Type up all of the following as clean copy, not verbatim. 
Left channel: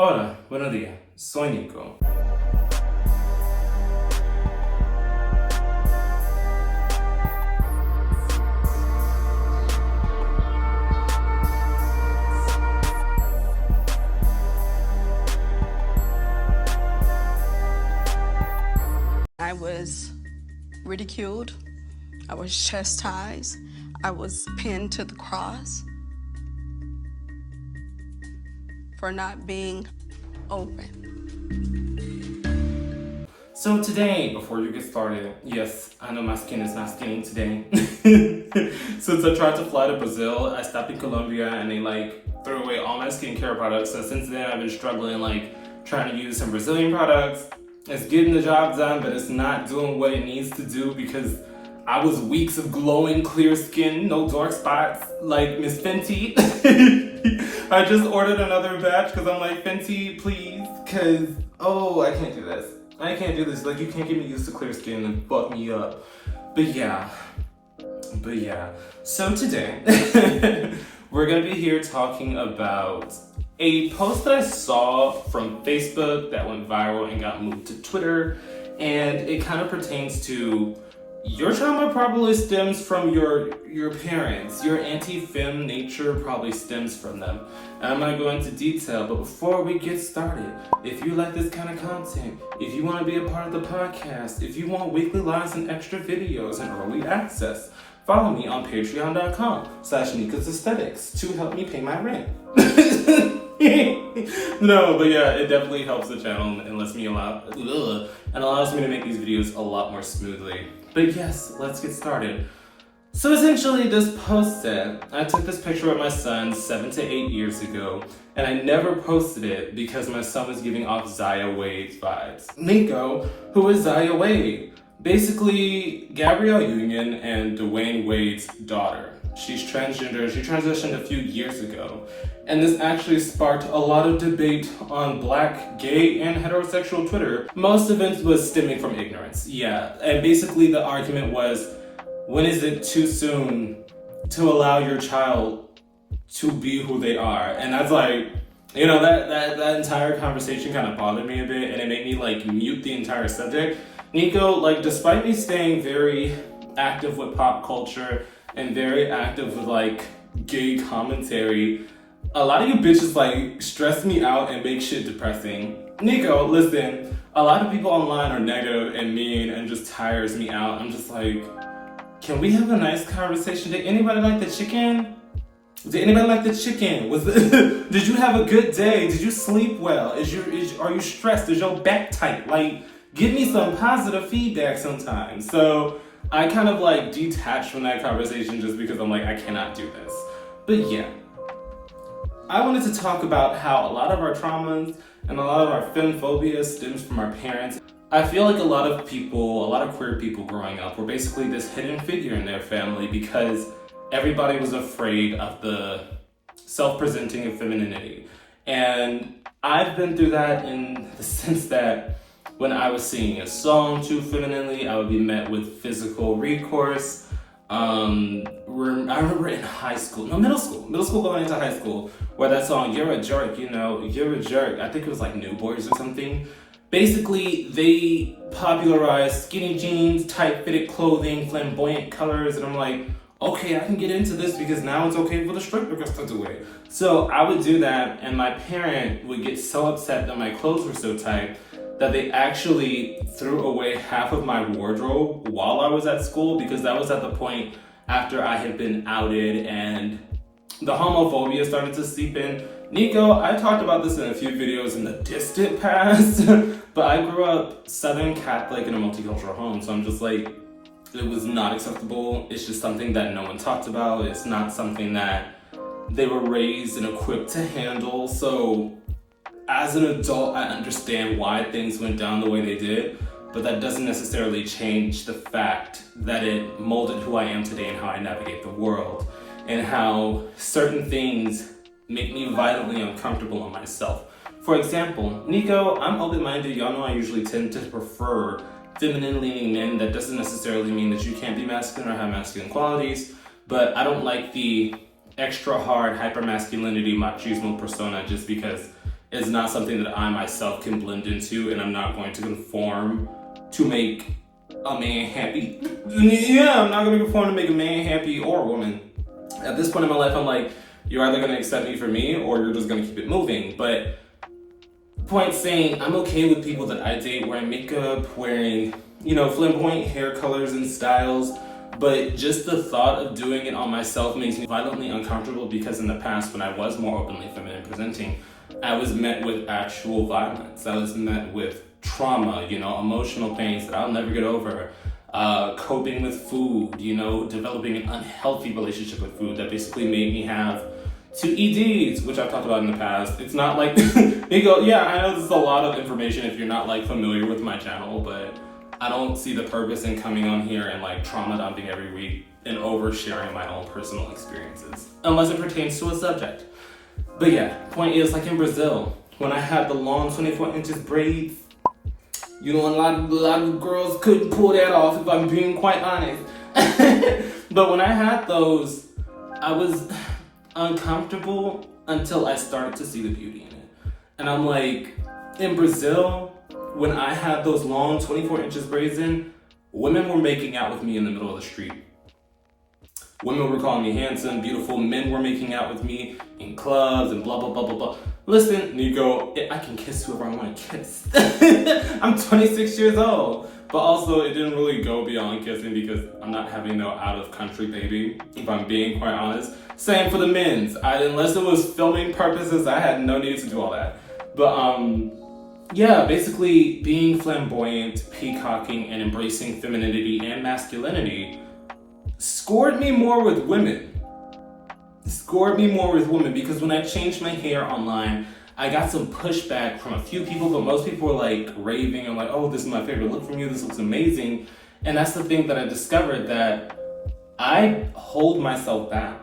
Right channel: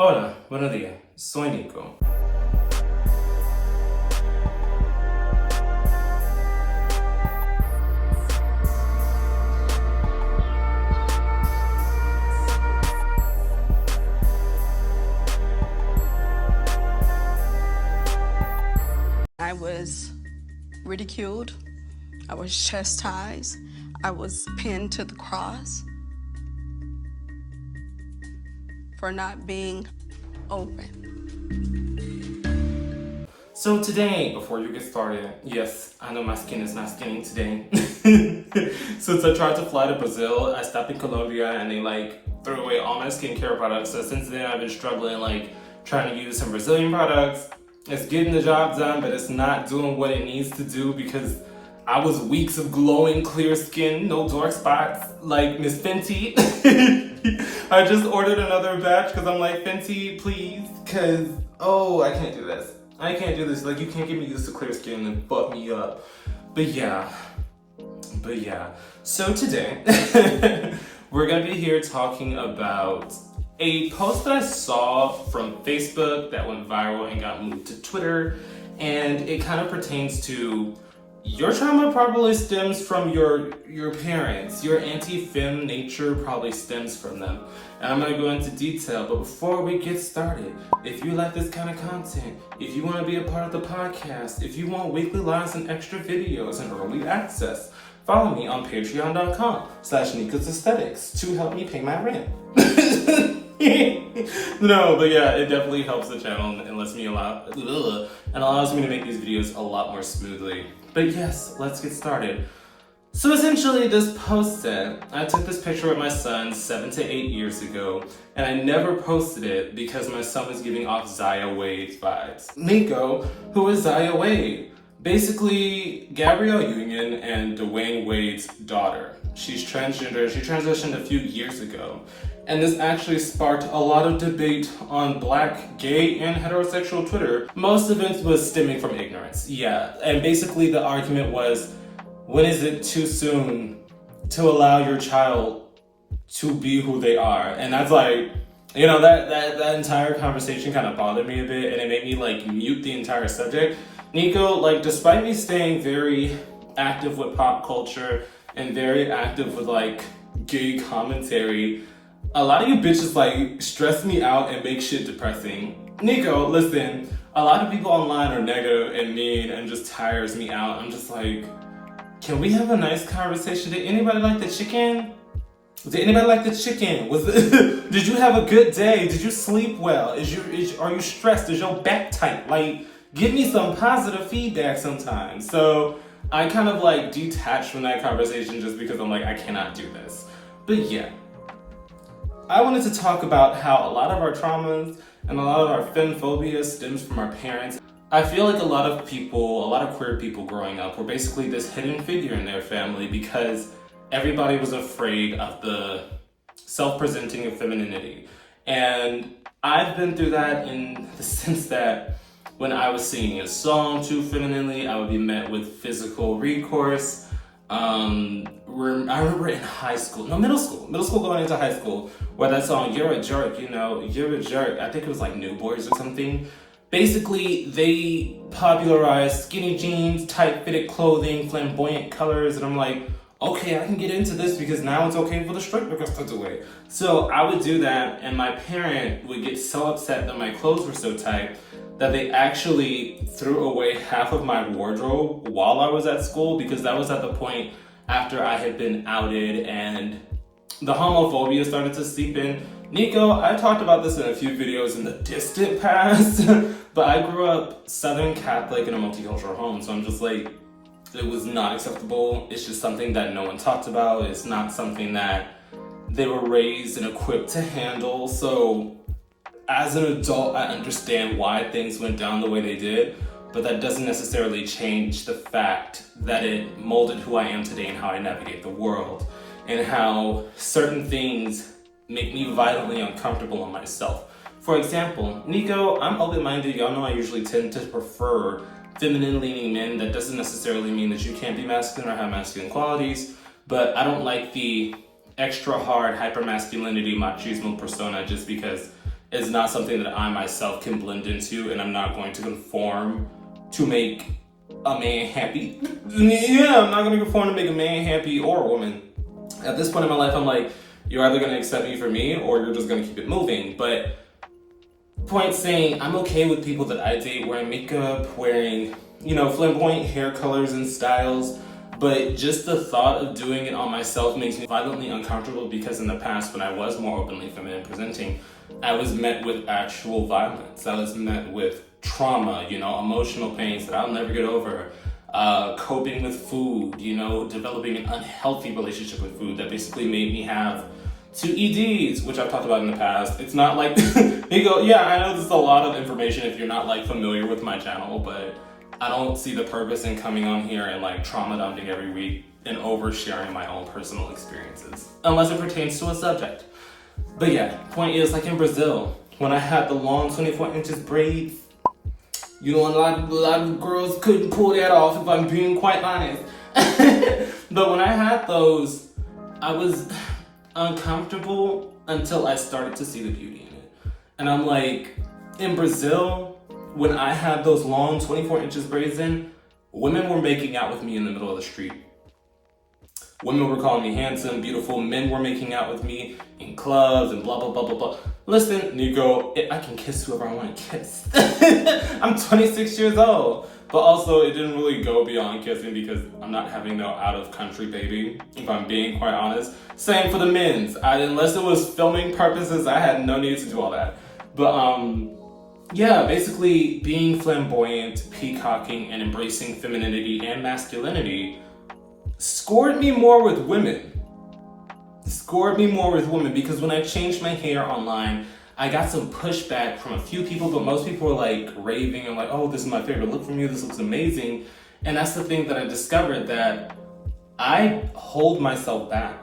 Hola, buenos días. Soy Nico. I was ridiculed, I was chastised, I was pinned to the cross for not being open. So today, before you get started, yes, I know my skin is not skinny today. Since I tried to fly to Brazil, I stopped in Colombia and they threw away all my skincare products. So since then I've been struggling trying to use some Brazilian products. It's getting the job done, but it's not doing what it needs to do because I was weeks of glowing, clear skin, no dark spots, like Miss Fenty. I just ordered another batch because I'm like, Fenty, please, because, I can't do this. I can't do this. You can't get me used to clear skin and fuck me up. But yeah. So today, we're going to be here talking about a post that I saw from Facebook that went viral and got moved to Twitter. And it kind of pertains to your trauma probably stems from your parents. Your anti-fem nature probably stems from them. And I'm going to go into detail, but before we get started, if you like this kind of content, if you want to be a part of the podcast, if you want weekly lives and extra videos and early access, follow me on patreon.com/Nicosaesthetics to help me pay my rent. No, but yeah, it definitely helps the channel and allows me to make these videos a lot more smoothly. But yes, let's get started. So essentially this post said, I took this picture with my son 7 to 8 years ago, and I never posted it because my son was giving off Zaya Wade's vibes. Nico, who is Zaya Wade? Basically, Gabrielle Union and Dwayne Wade's daughter. She's transgender. She transitioned a few years ago. And this actually sparked a lot of debate on Black, gay, and heterosexual Twitter. Most of it was stemming from ignorance. Yeah, and basically the argument was, when is it too soon to allow your child to be who they are? And that's that entire conversation kind of bothered me a bit, and it made me mute the entire subject. Nico, despite me staying very active with pop culture and very active with gay commentary, a lot of you bitches stress me out and make shit depressing. Nico, listen, a lot of people online are negative and mean and just tires me out. I'm just can we have a nice conversation? Did anybody like the chicken? Did anybody like the chicken? Did you have a good day? Did you sleep well? Are you stressed? Is your back tight? Give me some positive feedback sometimes. So I kind of detached from that conversation just because I'm I cannot do this. But yeah, I wanted to talk about how a lot of our traumas and a lot of our femphobia stems from our parents. I feel like a lot of queer people growing up were basically this hidden figure in their family because everybody was afraid of the self-presenting of femininity. And I've been through that in the sense that when I was singing a song too femininely, I would be met with physical recourse. I remember in middle school going into high school, where that song, You're a Jerk, You're a Jerk, I think it was New Boys or something. Basically, they popularized skinny jeans, tight-fitted clothing, flamboyant colors, and I'm okay, I can get into this because now it's okay for the straight girls to do it. So I would do that, and my parent would get so upset that my clothes were so tight that they actually threw away half of my wardrobe while I was at school, because that was at the point after I had been outed and the homophobia started to seep in. Nico, I talked about this in a few videos in the distant past, but I grew up Southern Catholic in a multicultural home, so I'm just it was not acceptable. It's just something that no one talked about. It's not something that they were raised and equipped to handle. So as an adult, I understand why things went down the way they did, but that doesn't necessarily change the fact that it molded who I am today and how I navigate the world, and how certain things make me violently uncomfortable on myself. For example, Nico, I'm open-minded. Y'all know I usually tend to prefer feminine-leaning men. That doesn't necessarily mean that you can't be masculine or have masculine qualities, but I don't like the extra hard hyper-masculinity machismo persona just because is not something that I myself can blend into, and I'm not going to conform to make a man happy. Yeah, I'm not going to conform to make a man happy or a woman. At this point in my life, I'm like, you're either going to accept me for me or you're just going to keep it moving. But point saying, I'm okay with people that I date wearing makeup, wearing, flamboyant hair colors and styles. But just the thought of doing it on myself makes me violently uncomfortable, because in the past, when I was more openly feminine presenting, I was met with actual violence. I was met with trauma, emotional pains that I'll never get over. Coping with food, developing an unhealthy relationship with food that basically made me have 2 EDs, which I've talked about in the past. It's not like, Nico, yeah, I know this is a lot of information if you're not familiar with my channel, but I don't see the purpose in coming on here and trauma dumping every week and oversharing my own personal experiences, unless it pertains to a subject. But yeah, point is, in Brazil, when I had the long 24 inches braids, a lot of girls couldn't pull that off, if I'm being quite honest. But when I had those, I was uncomfortable until I started to see the beauty in it. And I'm like, in Brazil, when I had those long 24 inches braids in, women were making out with me in the middle of the street. Women were calling me handsome, beautiful. Men were making out with me in clubs and blah, blah, blah, blah, blah. Listen, Nico, I can kiss whoever I want to kiss. I'm 26 years old. But also, it didn't really go beyond kissing, because I'm not having no out-of-country baby, if I'm being quite honest. Same for the men's. Unless it was filming purposes, I had no need to do all that. But, yeah, basically being flamboyant, peacocking, and embracing femininity and masculinity scored me more with women. Because when I changed my hair online, I got some pushback from a few people, but most people were raving and oh, this is my favorite look from you, this looks amazing. And that's the thing that I discovered, that I hold myself back.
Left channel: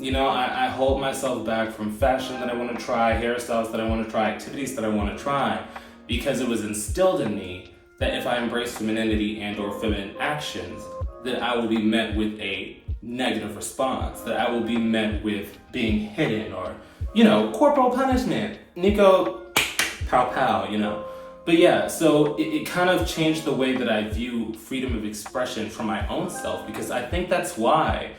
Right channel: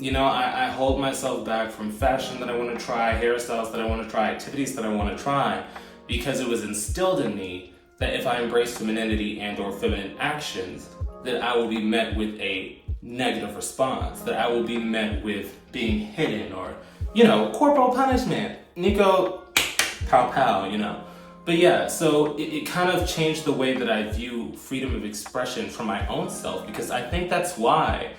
I hold myself back from fashion that I want to try, hairstyles that I want to try, activities that I want to try, because it was instilled in me that if I embrace femininity and or feminine actions, that I will be met with a negative response, that I will be met with being hidden or, corporal punishment. Nico, pow pow, But yeah, so it kind of changed the way that I view freedom of expression for my own self, because I think that's why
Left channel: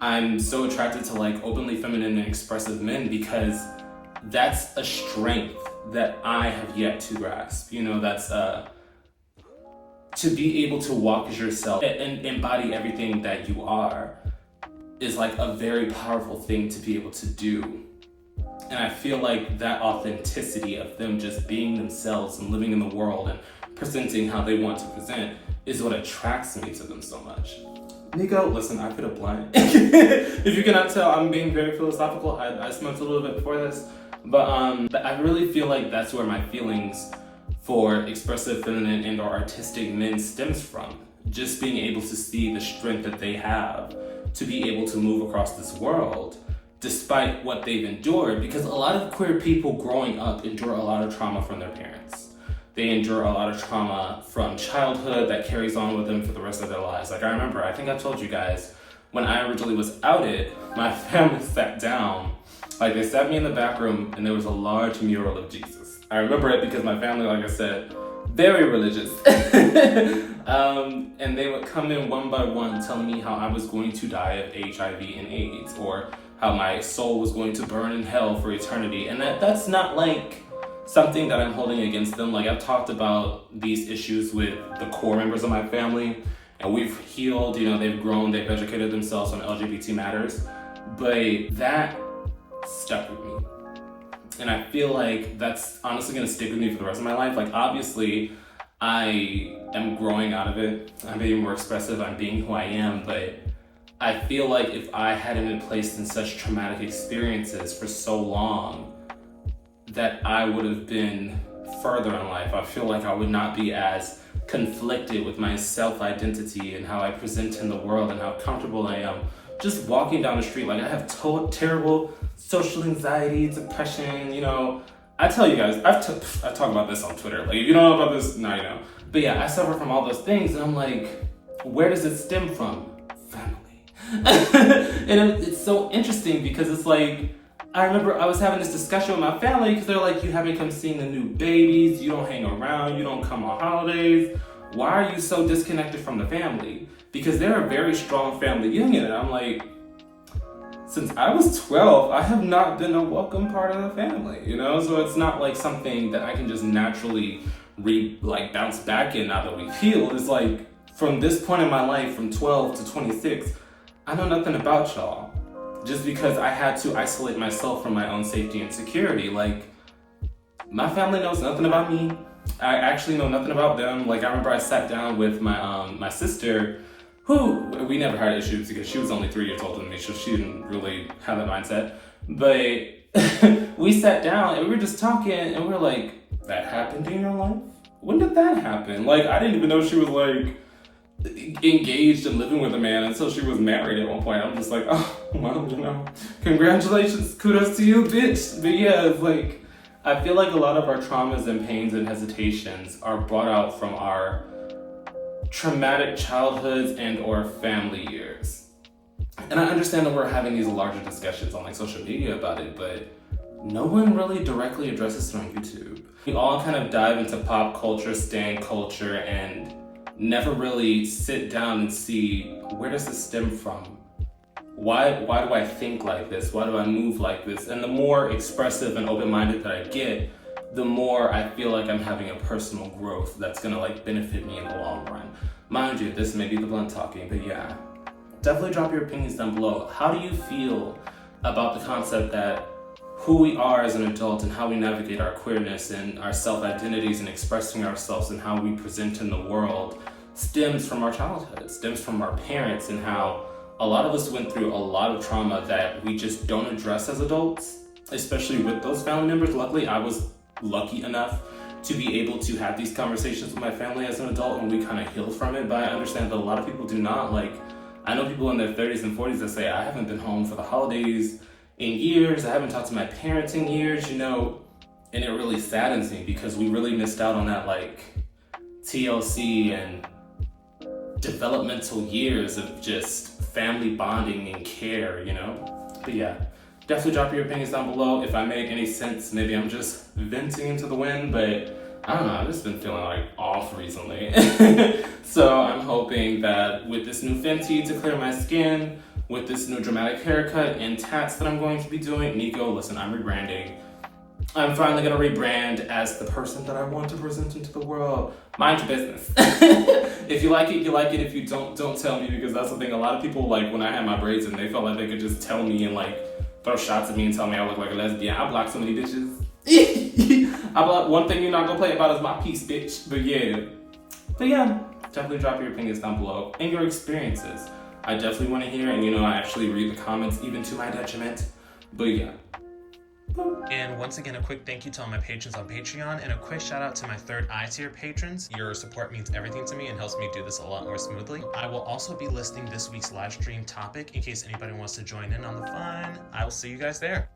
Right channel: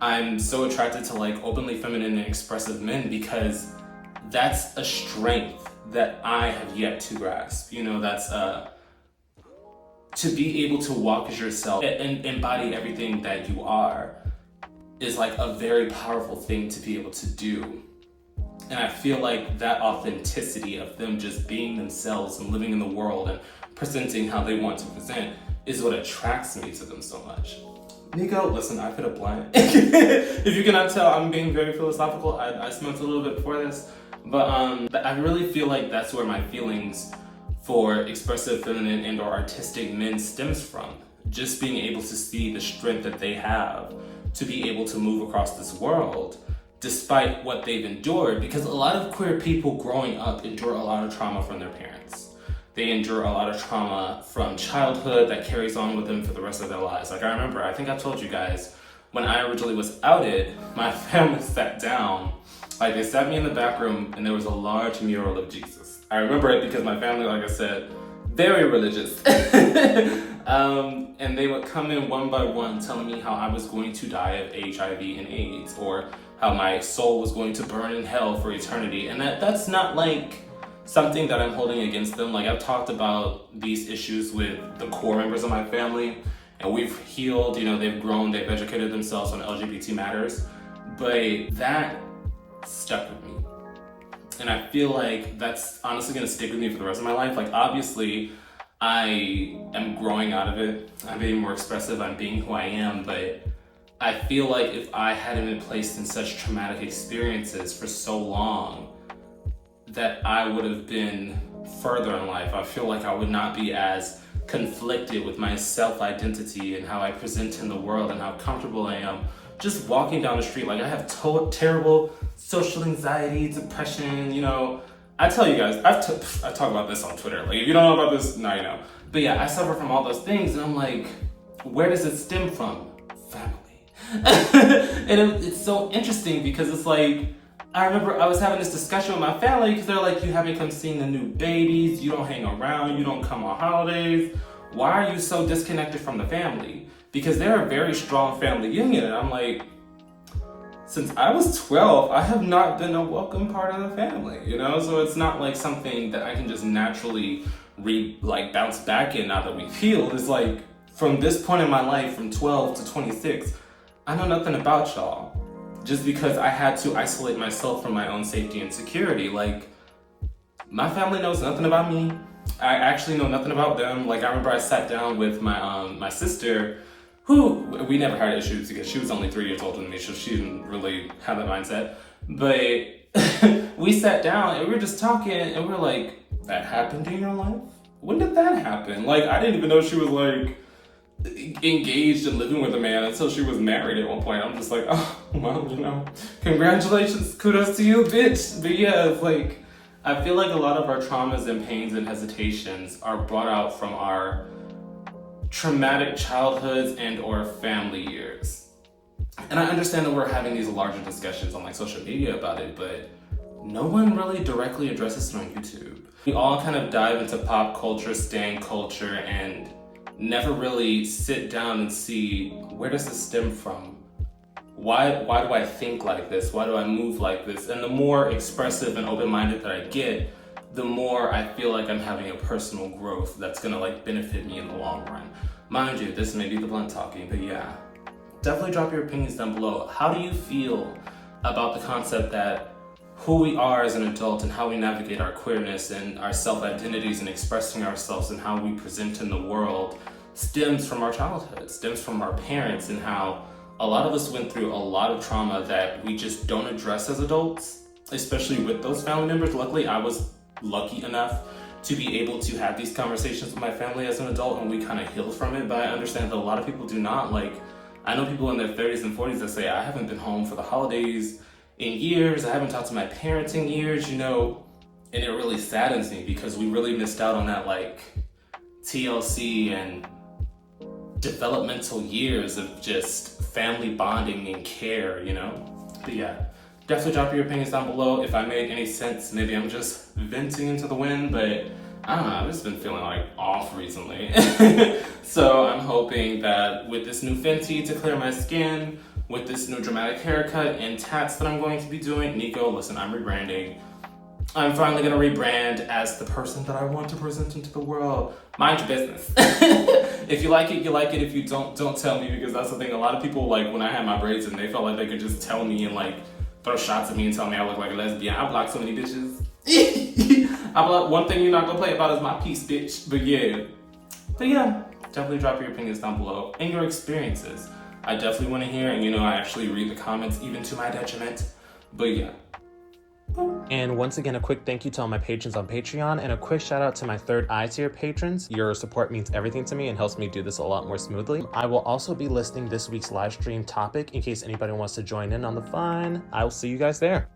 I'm so attracted to openly feminine and expressive men, because that's a strength that I have yet to grasp. That's to be able to walk as yourself and embody everything that you are is a very powerful thing to be able to do. And I feel that authenticity of them just being themselves and living in the world and presenting how they want to present is what attracts me to them so much. Nico, listen, I could have blind. If you cannot tell, I'm being very philosophical. I smoked a little bit before this. But I really feel that's where my feelings for expressive feminine and or artistic men stems from. Just being able to see the strength that they have to be able to move across this world despite what they've endured, because a lot of queer people growing up endure a lot of trauma from their parents. They endure a lot of trauma from childhood that carries on with them for the rest of their lives. I remember, I think I told you guys, when I originally was outed, my family sat down, they sat me in the back room and there was a large mural of Jesus. I remember it because my family, like I said, very religious. And they would come in one by one telling me how I was going to die of HIV and AIDS, or how my soul was going to burn in hell for eternity. And that's not something that I'm holding against them. I've talked about these issues with the core members of my family, and we've healed, they've grown, they've educated themselves on LGBT matters, but that stuck with me. And I feel that's honestly gonna stick with me for the rest of my life. Obviously, I am growing out of it. I'm being more expressive, I'm being who I am, but I feel if I hadn't been placed in such traumatic experiences for so long, that I would have been further in life. I feel I would not be as conflicted with my self-identity and how I present in the world and how comfortable I am just walking down the street. I have terrible social anxiety, depression, I tell you guys, I talk about this on Twitter. If you don't know about this, now you know. But yeah, I suffer from all those things, and I'm where does it stem from? Family. And it's so interesting because it's I remember I was having this discussion with my family because they're like, you haven't come seeing the new babies, you don't hang around, you don't come on holidays. Why are you so disconnected from the family? Because they're a very strong family union. And I'm like, since I was 12, I have not been a welcome part of the family, you know? So it's not like something that I can just naturally bounce back in now that we've healed. It's like, from this point in my life, from 12 to 26, I know nothing about y'all. Just because I had to isolate myself from my own safety and security. Like, my family knows nothing about me. I actually know nothing about them. Like, I remember I sat down with my sister, who we never had issues because she was only 3 years older than me, so she didn't really have that mindset. But we sat down and we were just talking and we're like, that happened in your life? When did that happen? Like, I didn't even know she was like engaged and living with a man until she was married at one point. I'm just like, oh, well, you know, congratulations, kudos to you, bitch. But yeah, it's like, I feel like a lot of our traumas and pains and hesitations are brought out from our traumatic childhoods and or family years. And I understand that we're having these larger discussions on like social media about it, but no one really directly addresses it on YouTube. We all kind of dive into pop culture, stan culture, and never really sit down and see, where does this stem from? Why do I think like this? Why do I move like this? And the more expressive and open-minded that I get, the more I feel like I'm having a personal growth that's gonna like benefit me in the long run. Mind you, this may be the blunt talking, but yeah. Definitely drop your opinions down below. How do you feel about the concept that who we are as an adult and how we navigate our queerness and our self-identities and expressing ourselves and how we present in the world stems from our childhood, stems from our parents, and how a lot of us went through a lot of trauma that we just don't address as adults, especially with those family members. Luckily, I was lucky enough to be able to have these conversations with my family as an adult, and we kind of healed from it. But I understand that a lot of people do not. Like, I know people in their 30s and 40s that say, I haven't been home for the holidays in years, I haven't talked to my parents in years, you know, and it really saddens me because we really missed out on that like TLC and developmental years of just family bonding and care, you know? But yeah, definitely drop your opinions down below. If I made any sense, maybe I'm just venting into the wind, but I don't know, I've just been feeling like off recently. So I'm hoping that with this new Fenty to clear my skin, with this new dramatic haircut and tats that I'm going to be doing, Nico, listen, I'm rebranding. I'm finally gonna rebrand as the person that I want to present into the world. Mind your business. If you like it, you like it. If you don't tell me, because that's the thing. A lot of people, like, when I had my braids in, they felt like they could just tell me and like throw shots at me and tell me I look like a lesbian. I blocked so many bitches. One thing you're not gonna play about is my piece, bitch. But yeah, definitely drop your opinions down below and your experiences. I definitely want to hear, and you know, I actually read the comments even to my detriment. But yeah. And once again, a quick thank you to all my patrons on Patreon, and a quick shout out to my third eye tier patrons. Your support means everything to me and helps me do this a lot more smoothly. I will also be listing this week's live stream topic in case anybody wants to join in on the fun. I will see you guys there.